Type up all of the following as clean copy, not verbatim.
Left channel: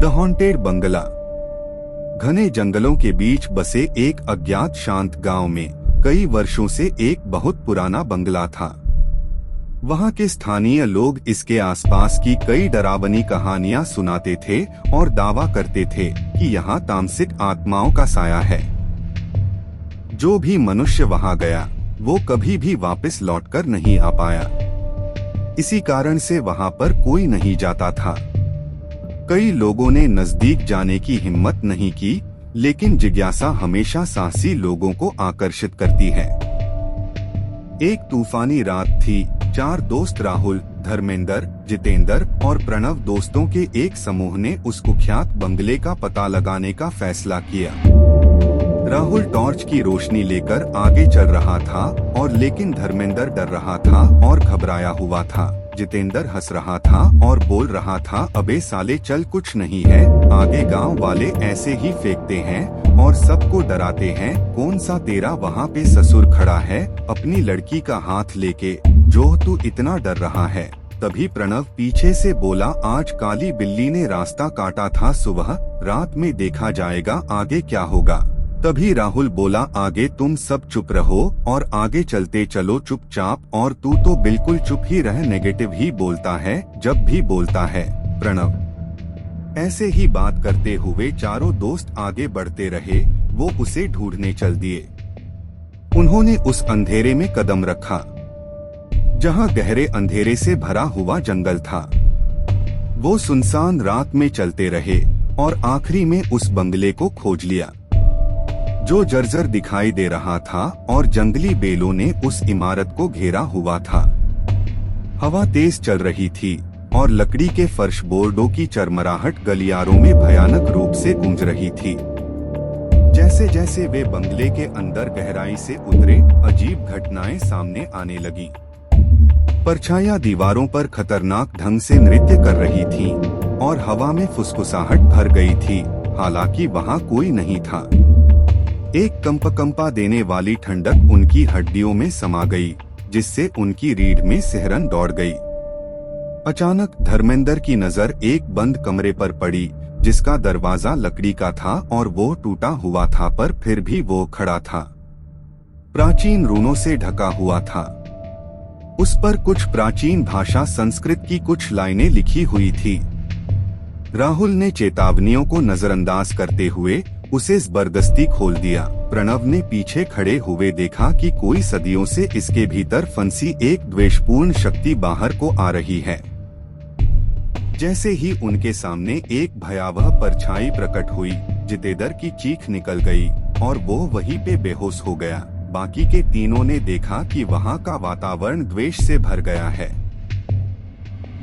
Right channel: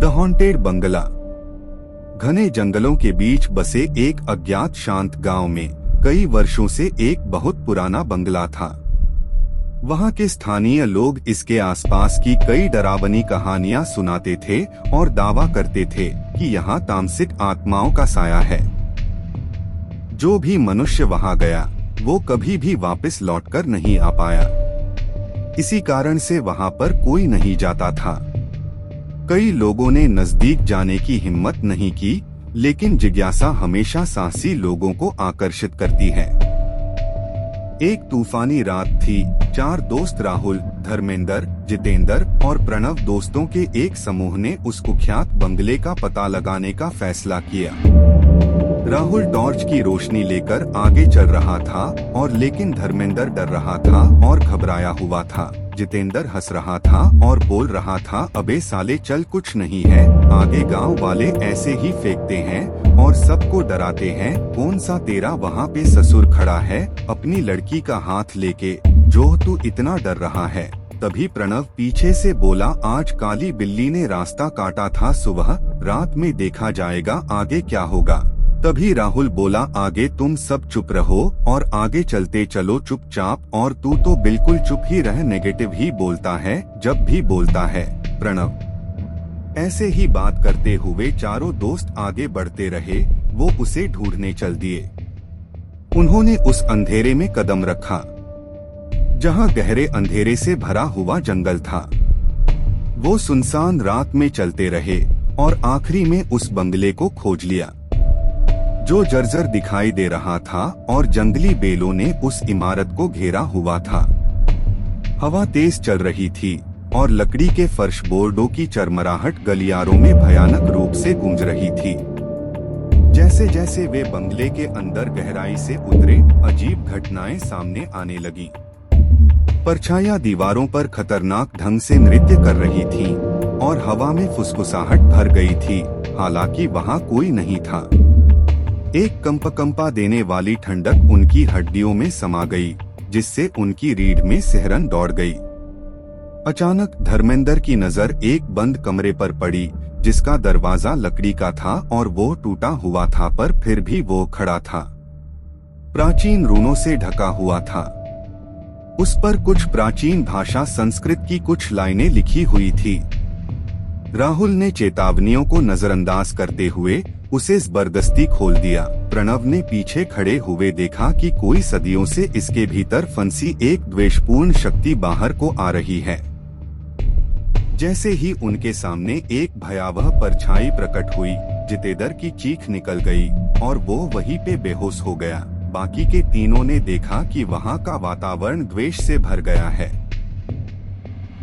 The haunted बंगला। घने जंगलों के बीच बसे एक अज्ञात शांत गांव में कई वर्षों से एक बहुत पुराना बंगला था। वहां के स्थानीय लोग इसके आसपास की कई डरावनी कहानियां सुनाते थे और दावा करते थे कि यहाँ तामसिक आत्माओं का साया है। जो भी मनुष्य वहां गया वो कभी भी वापस लौटकर नहीं आ पाया। इसी कारण से वहां पर कोई नहीं जाता था। कई लोगों ने नजदीक जाने की हिम्मत नहीं की, लेकिन जिज्ञासा हमेशा साहसी लोगों को आकर्षित करती है। एक तूफानी रात थी। 4 दोस्त राहुल, धर्मेंद्र, जितेंद्र और प्रणव दोस्तों के एक समूह ने उस कुख्यात बंगले का पता लगाने का फैसला किया। राहुल टॉर्च की रोशनी लेकर आगे चल रहा था और लेकिन धर्मेंद्र डर रहा था और घबराया हुआ था। जितेंद्र हंस रहा था और बोल रहा था, अबे साले चल, कुछ नहीं है, आगे गांव वाले ऐसे ही फेंकते हैं और सबको डराते हैं। कौन सा तेरा वहाँ पे ससुर खड़ा है अपनी लड़की का हाथ लेके, जो तू इतना डर रहा है। तभी प्रणव पीछे से बोला, आज काली बिल्ली ने रास्ता काटा था सुबह, रात में देखा जाएगा आगे क्या होगा। तभी राहुल बोला, आगे तुम सब चुप रहो और आगे चलते चलो चुपचाप, और तू तो बिल्कुल चुप ही रह, नेगेटिव ही बोलता है जब भी बोलता है। प्रणव ऐसे ही बात करते हुए चारों दोस्त आगे बढ़ते रहे। वो उसे ढूंढने चल दिए। उन्होंने उस अंधेरे में कदम रखा जहां गहरे अंधेरे से भरा हुआ जंगल था। वो सुनसान रात में चलते रहे और आखिरी में उस बंगले को खोज लिया, जो जर्जर दिखाई दे रहा था और जंगली बेलों ने उस इमारत को घेरा हुआ था। हवा तेज चल रही थी और लकड़ी के फर्श बोर्डों की चरमराहट गलियारों में भयानक रूप से गूंज रही थी। जैसे जैसे वे बंगले के अंदर गहराई से उतरे, अजीब घटनाएं सामने आने लगी। परछाइयां दीवारों पर खतरनाक ढंग से नृत्य कर रही थीं और हवा में फुसफुसाहट भर गई थी, हालांकि वहां कोई नहीं था। एक कंपा देने वाली ठंडक उनकी हड्डियों में समा गई, जिससे उनकी रीढ़ में सिहरन दौड़ गई। अचानक धर्मेंद्र की नजर एक बंद कमरे पर पड़ी, जिसका दरवाजा लकड़ी का था और वो टूटा हुआ था, पर फिर भी वो खड़ा था। प्राचीन रूनों से ढका हुआ था। उस पर कुछ प्राचीन भाषा संस्कृत की कुछ लाइनें लिखी हुई थी। राहुल ने चेतावनियों को नजरअंदाज करते हुए उसे जबरदस्ती खोल दिया। प्रणव ने पीछे खड़े हुए देखा कि कोई सदियों से इसके भीतर फंसी एक द्वेषपूर्ण शक्ति बाहर को आ रही है। जैसे ही उनके सामने एक भयावह परछाई प्रकट हुई, जितेंद्र की चीख निकल गई और वो वहीं पे बेहोश हो गया। बाकी के तीनों ने देखा कि वहाँ का वातावरण द्वेष से भर गया है।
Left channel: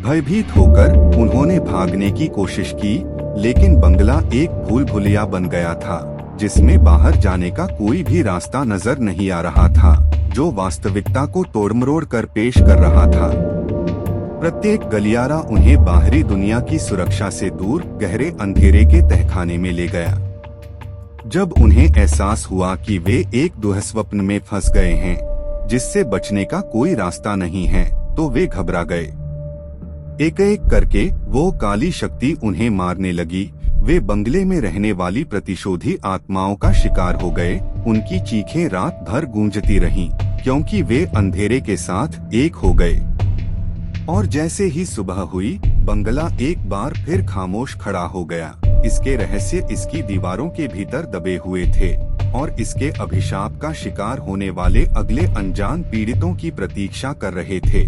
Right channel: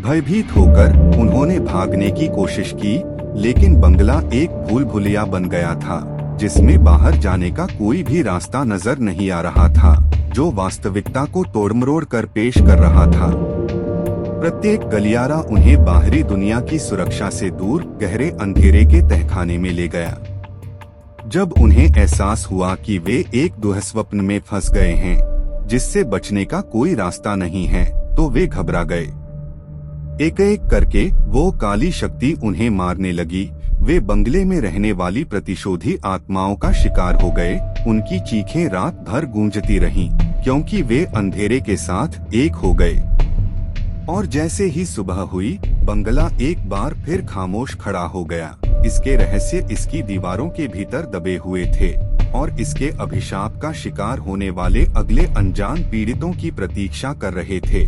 भयभीत होकर उन्होंने भागने की कोशिश की, लेकिन बंगला एक भूल भुलैया बन गया था, जिसमें बाहर जाने का कोई भी रास्ता नजर नहीं आ रहा था, जो वास्तविकता को तोड़मरोड़ कर पेश कर रहा था। प्रत्येक गलियारा उन्हें बाहरी दुनिया की सुरक्षा से दूर गहरे अंधेरे के तहखाने में ले गया। जब उन्हें एहसास हुआ कि वे एक दुःस्वप्न में फंस गए हैं, जिससे बचने का कोई रास्ता नहीं है, तो वे घबरा गए। एक एक करके वो काली शक्ति उन्हें मारने लगी। वे बंगले में रहने वाली प्रतिशोधी आत्माओं का शिकार हो गए। उनकी चीखें रात भर गूंजती रहीं, क्योंकि वे अंधेरे के साथ एक हो गए। और जैसे ही सुबह हुई, बंगला एक बार फिर खामोश खड़ा हो गया। इसके रहस्य इसकी दीवारों के भीतर दबे हुए थे और इसके अभिशाप का शिकार होने वाले अगले अनजान पीड़ितों की प्रतीक्षा कर रहे थे।